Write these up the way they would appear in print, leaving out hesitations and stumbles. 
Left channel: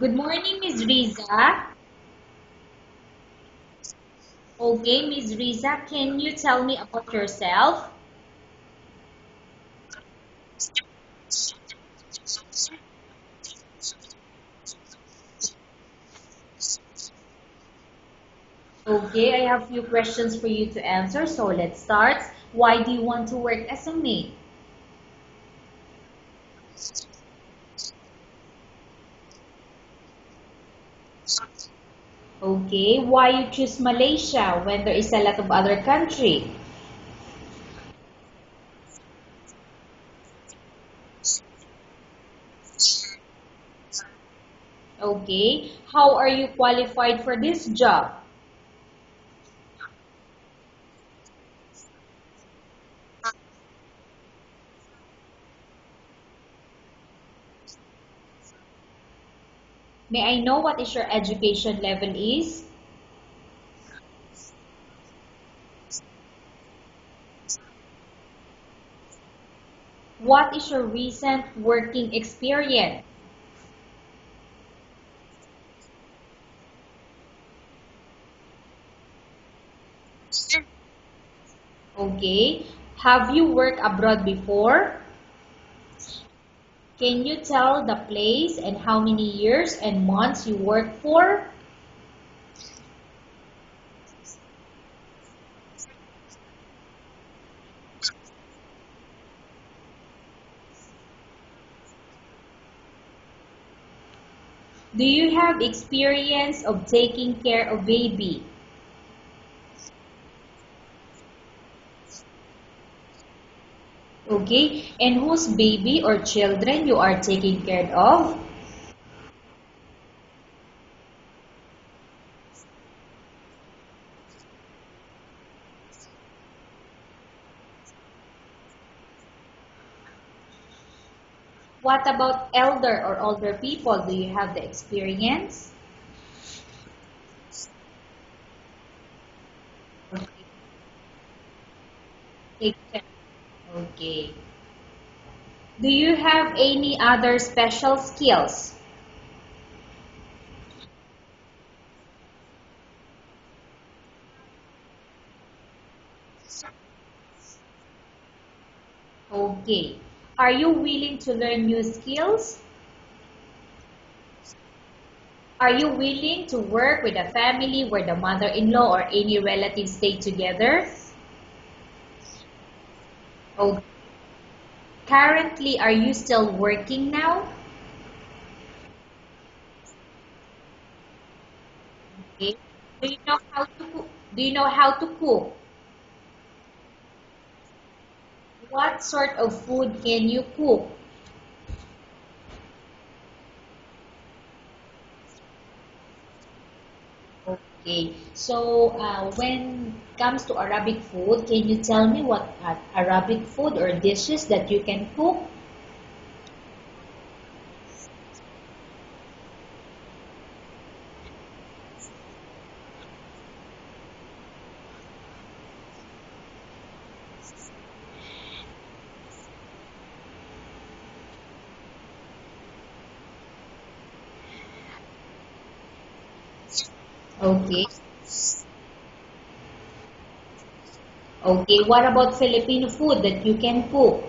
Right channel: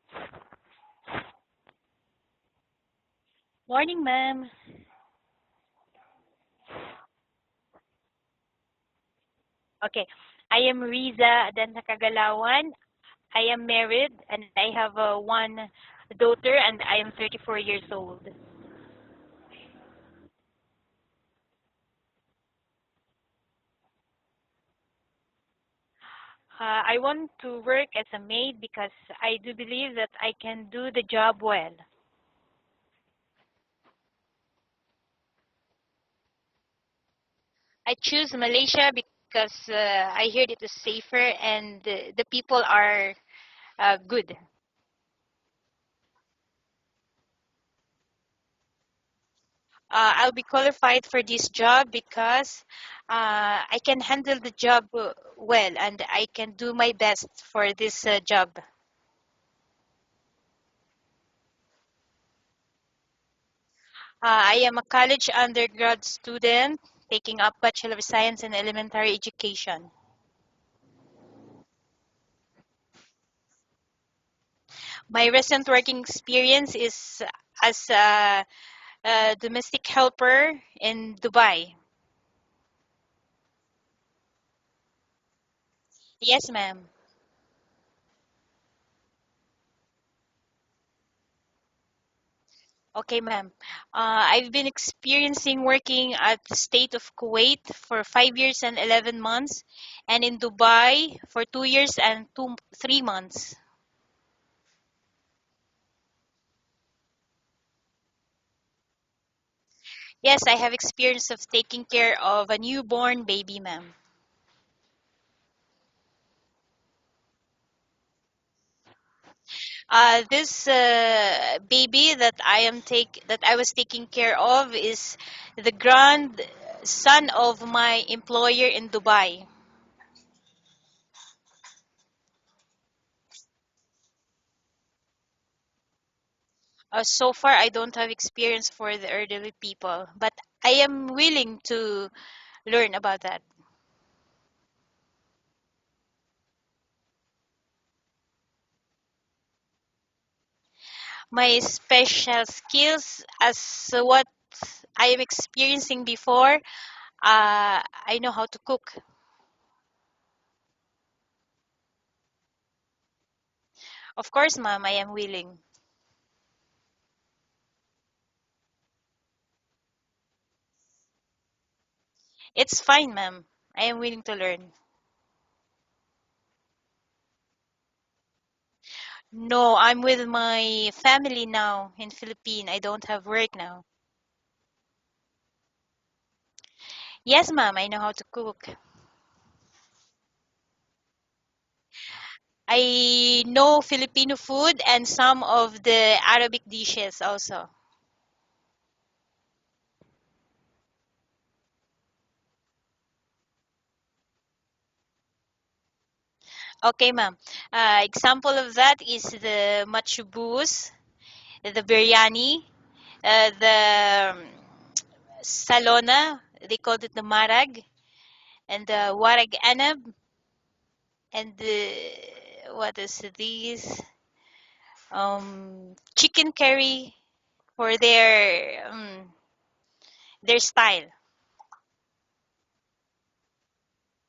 Good morning, Miss Riza. Morning, ma'am. Okay, Miss Riza, can you tell me about yourself? Okay, I am Riza Adanha Kagalawan. I am married and I have one daughter and I am 34 years old. Okay, I have few questions for you to answer, so let's start. Why do you want to work as a maid? I want to work as a maid because I do believe that I can do the job well. Okay, why you choose Malaysia when there is a lot of other country? I choose Malaysia because I heard it is safer and the people are good. Okay, how are you qualified for this job? I'll be qualified for this job because I can handle the job well and I can do my best for this job. May I know what is your education level is? I am a college undergrad student taking up Bachelor of Science in Elementary Education. What is your recent working experience? My recent working experience is as a domestic helper in Dubai. Okay, have you worked abroad before? Yes, ma'am. Can you tell the place and how many years and months you worked for? Okay, ma'am. I've been experiencing working at the state of Kuwait for 5 years and 11 months, and in Dubai for 2 years and 3 months. Do you have experience of taking care of baby? Yes, I have experience of taking care of a newborn baby, ma'am. Okay, and whose baby or children you are taking care of? This baby that I was taking care of is the grandson of my employer in Dubai. What about elder or older people? Do you have the experience? So far, I don't have experience for the elderly people, but I am willing to Take learn care. about that. Okay. Do you have any other special skills? My special skills, as what I am experiencing before, I know how to cook. Okay. Are you willing to learn new skills? Of course, ma'am, I am willing. Are you willing to work with a family where the mother-in-law or any relatives stay together? It's fine, ma'am. Okay. I am willing to learn. Currently, are you still working now? No, I'm with my family now in Okay. Philippines. I don't Do you have know work how now. to cook? Do you know how to cook? Yes, ma'am, I know how to cook. What sort of food can you cook? I know Filipino food and some of the Arabic dishes also. Okay. So, when it comes to Arabic food, can you tell me what Arabic food or dishes that you can cook? Okay, ma'am. Example of that is the machubus, the biryani, the salona, they called it the marag, and the warag anab, and the, what is these? Chicken curry Okay. for their style. Okay. What about Filipino food that you can cook?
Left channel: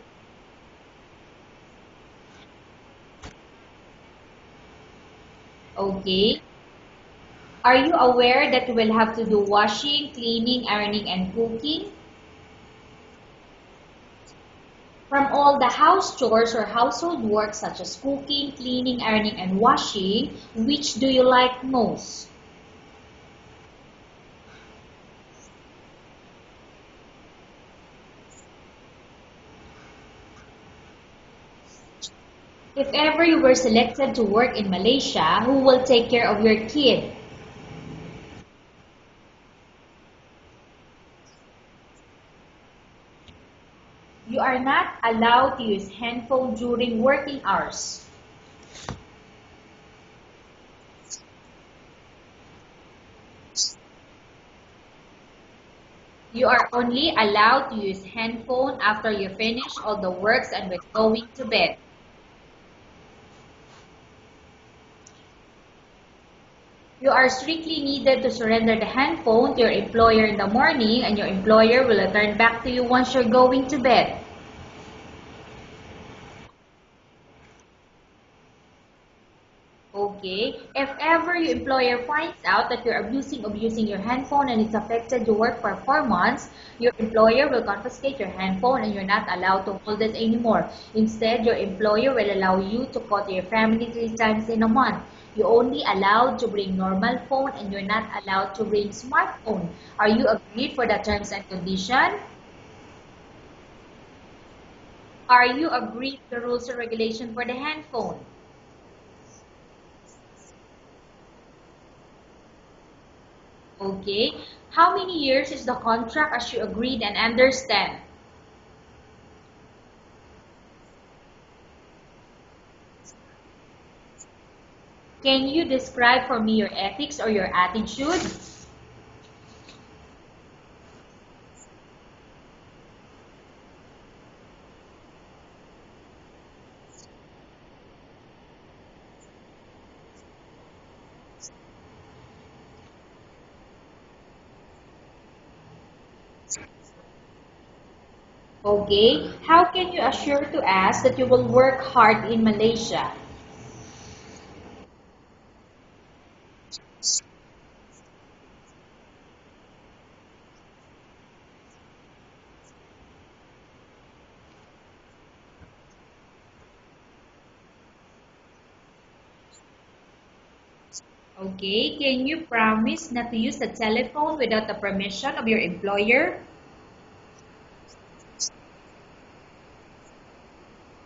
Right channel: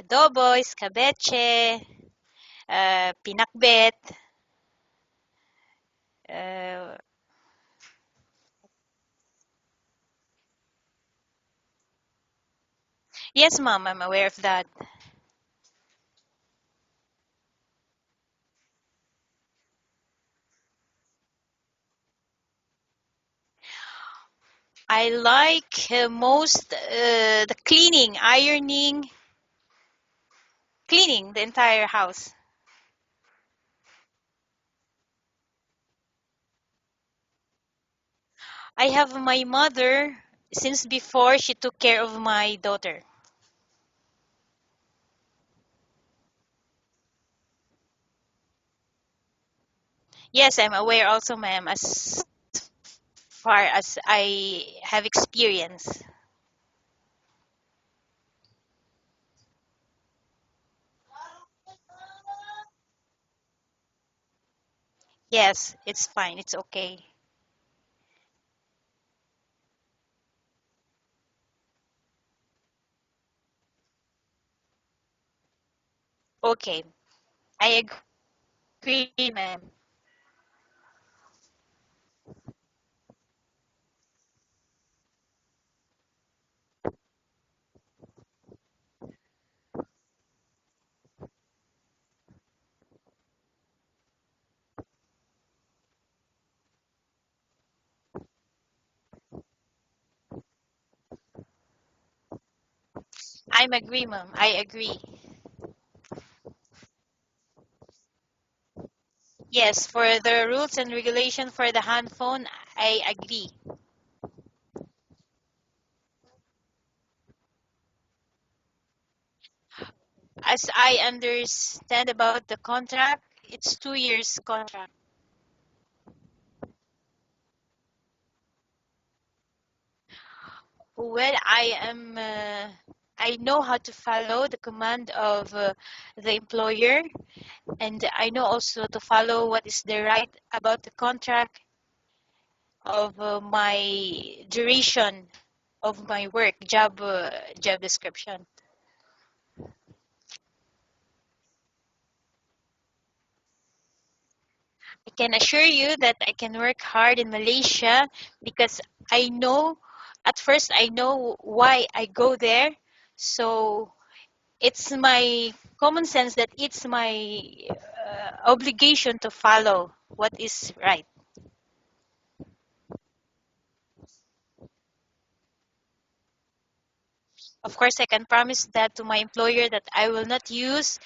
Adobo, escabeche, pinakbet. Okay. Uh, Are you aware that you will have to do washing, cleaning, ironing, and cooking? yes, ma'am, I'm aware of that. From all the house chores or household work such as cooking, cleaning, ironing, and washing, which do you like most? I like most the cleaning, ironing, cleaning the entire house. If ever you were selected to work in Malaysia, who will take care of your kid? I have my mother since before she took care of my daughter. You are not allowed to use handphone during working hours. Yes, I'm aware also, ma'am, as far as I have experience. You are only allowed to use handphone after you finish all the works and when going to bed. Yes, it's fine. It's okay. You are strictly needed to surrender the handphone to your employer in the morning, and your employer will return back to you once you're going to bed. Okay. I agree, ma'am. Okay? If ever your employer finds out that you're abusing your handphone and it's affected your work for 4 months, your employer will confiscate your handphone and you're not allowed to hold it anymore. Instead, your employer will allow you to call to your family 3 times in a month. You're only allowed to bring normal phone and you're not allowed to bring smartphone. Are you agreed for the terms and condition? I'm agree, ma'am. I agree. Are you agreed to the rules and regulation for the handphone? Yes, for the rules and regulation for the handphone, I agree. Okay. How many years is the contract as you agreed and understand? As I understand about the contract, it's 2 years contract. Can you describe for me your ethics or your attitude? Well, I know how to follow the command of the employer, and I know also to follow what is the right about the contract of my duration of my work, job description. Okay. How can you assure to us that you will work hard in Malaysia? I can assure you that I can work hard in Malaysia because I know, at first, I know why I go there. So it's my common sense that it's my obligation to follow what is right. Okay. Can you promise not to use the telephone without the permission of your employer? Of course, I can promise that to my employer that I will not use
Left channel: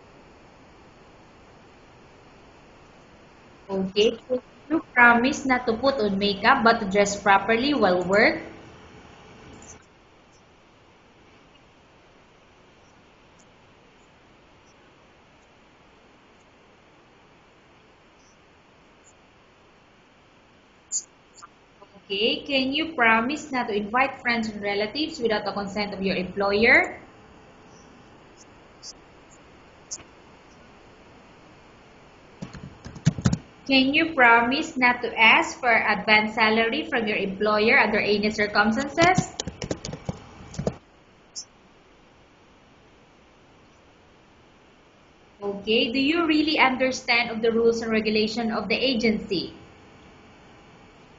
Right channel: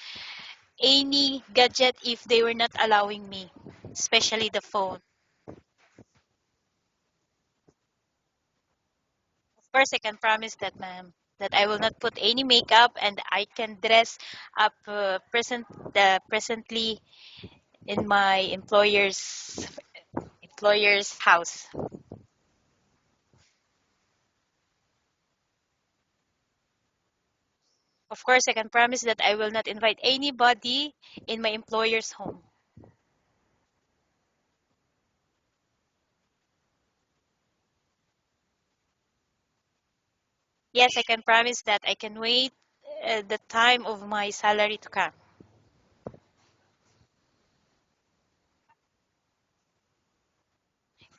any gadget if they were not allowing me, Okay. Can especially the you phone. promise not to put on makeup but to dress properly while work? Of course, I can promise that, ma'am, that I will not put any makeup and I can dress up presently in my employer's house. Okay. Can you promise not to invite friends and relatives without the consent of your employer? Of course, I can promise that I will not invite anybody in my employer's home. Can you promise not to ask for advance salary from your employer under any circumstances? Yes, I can promise that I can wait the time of my salary to come. Okay. Do you really understand of the rules and regulation of the agency?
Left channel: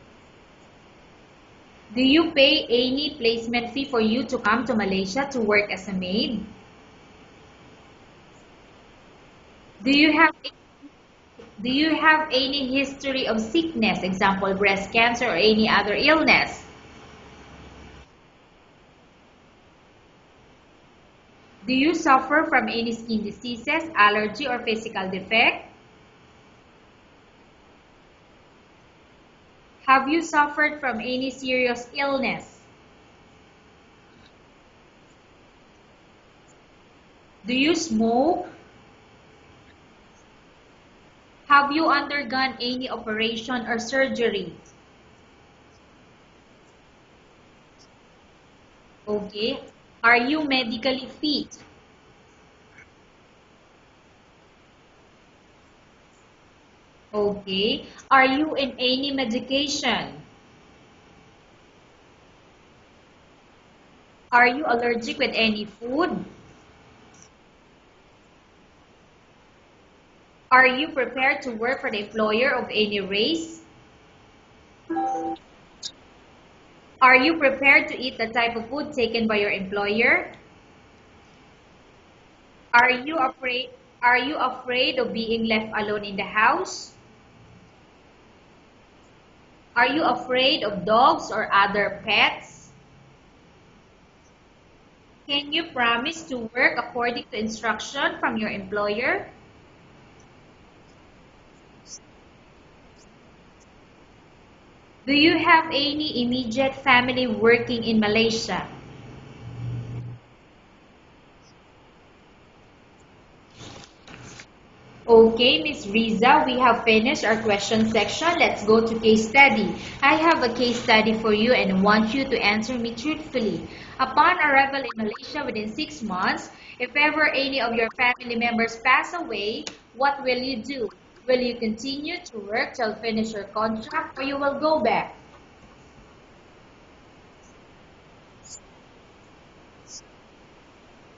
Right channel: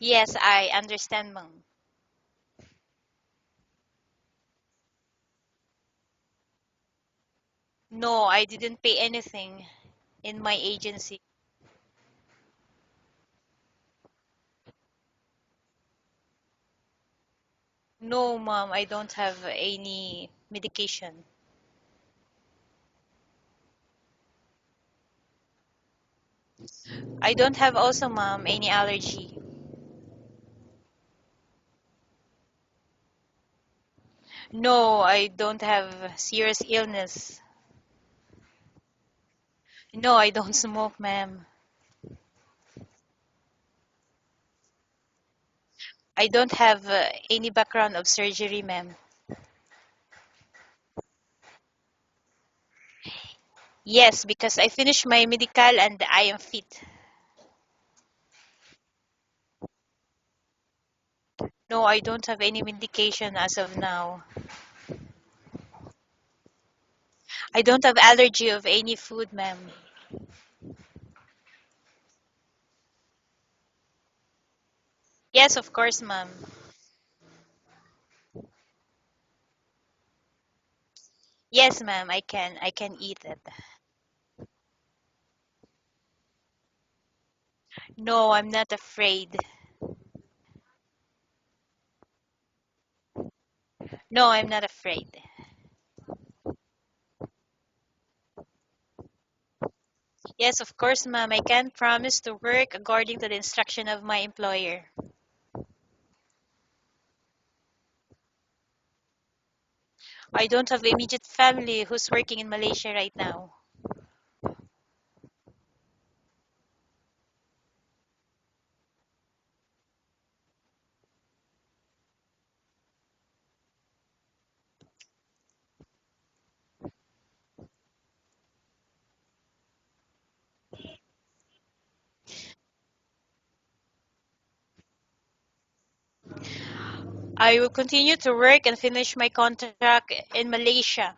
Yes, I understand, ma'am. Do you pay any placement fee for you to come to Malaysia to work as a maid? No, I didn't pay anything Do you have in my agency. do you have any history of sickness, example breast cancer or any other illness? No, ma'am, I don't have any medication. Do you suffer from any skin diseases, allergy or physical defect? I don't have also, ma'am, any allergy. Have you suffered from any serious illness? No, I don't have serious illness. Do you smoke? No, I don't smoke, ma'am. Have you undergone any operation or surgery? I don't have any background of surgery, ma'am. Okay. Are you medically fit? Yes, because I finished my medical and I am fit. Okay. Are you in any medication? No, I don't have any medication as of now. Are you allergic with any food? I don't have allergy of any food, ma'am. Are you prepared to work for the employer of any race? Yes, of course, ma'am. Are you prepared to eat the type of food taken by your employer? Yes, ma'am, I can. I Are can you eat it. afraid are you afraid of being left alone in the house? No, I'm not afraid. Are you afraid of dogs or other pets? No, I'm not afraid. Can you promise to work according to instruction from your employer? Yes, of course, ma'am. I can promise to work according to the instruction of my employer. Do you have any immediate family working in Malaysia? I don't have immediate family who's working in Malaysia right now. Okay, Miss Riza, we have finished our question section. Let's go to case study. I have a case study for you and want you to answer me truthfully. Upon arrival in Malaysia within 6 months, if ever any of your family members pass away, what will you do? Will you continue to work till finish your contract or you will go back? I will continue to work and finish my contract in Malaysia,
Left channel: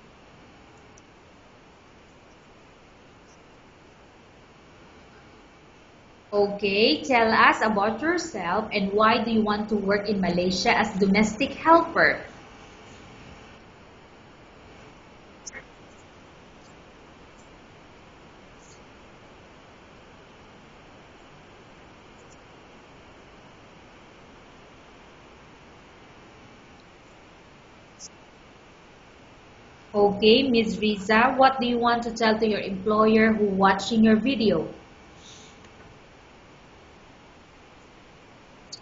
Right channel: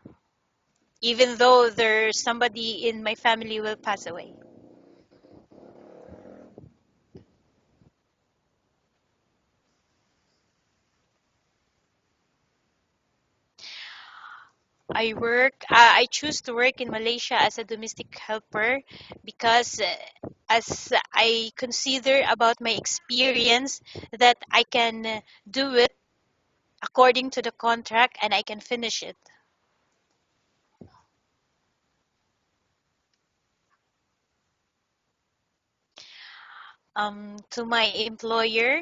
even though there's somebody in my family will pass away. Okay, tell us about yourself and why do you want to work in Malaysia as domestic helper? I choose to work in Malaysia as a domestic helper because as I consider about my experience that I can do it according to the contract and I can finish it. Okay, Ms. Riza, what do you want to tell to your employer who watching your video? To my employer,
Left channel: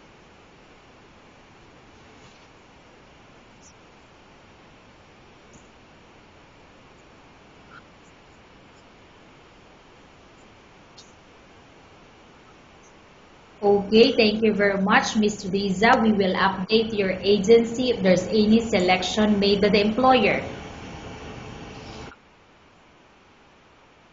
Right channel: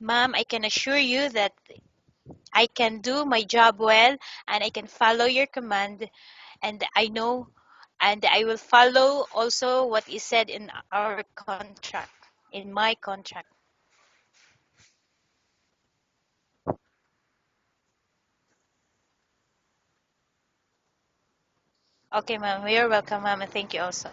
ma'am, I can assure you that I can do my job well and I can follow your command and I know and I will follow also what is said in our contract, in my contract. Okay, thank you very much, Ms. Riza. We will update your agency if there's any selection made by the employer. Okay, ma'am. You're welcome, ma'am, and thank you also.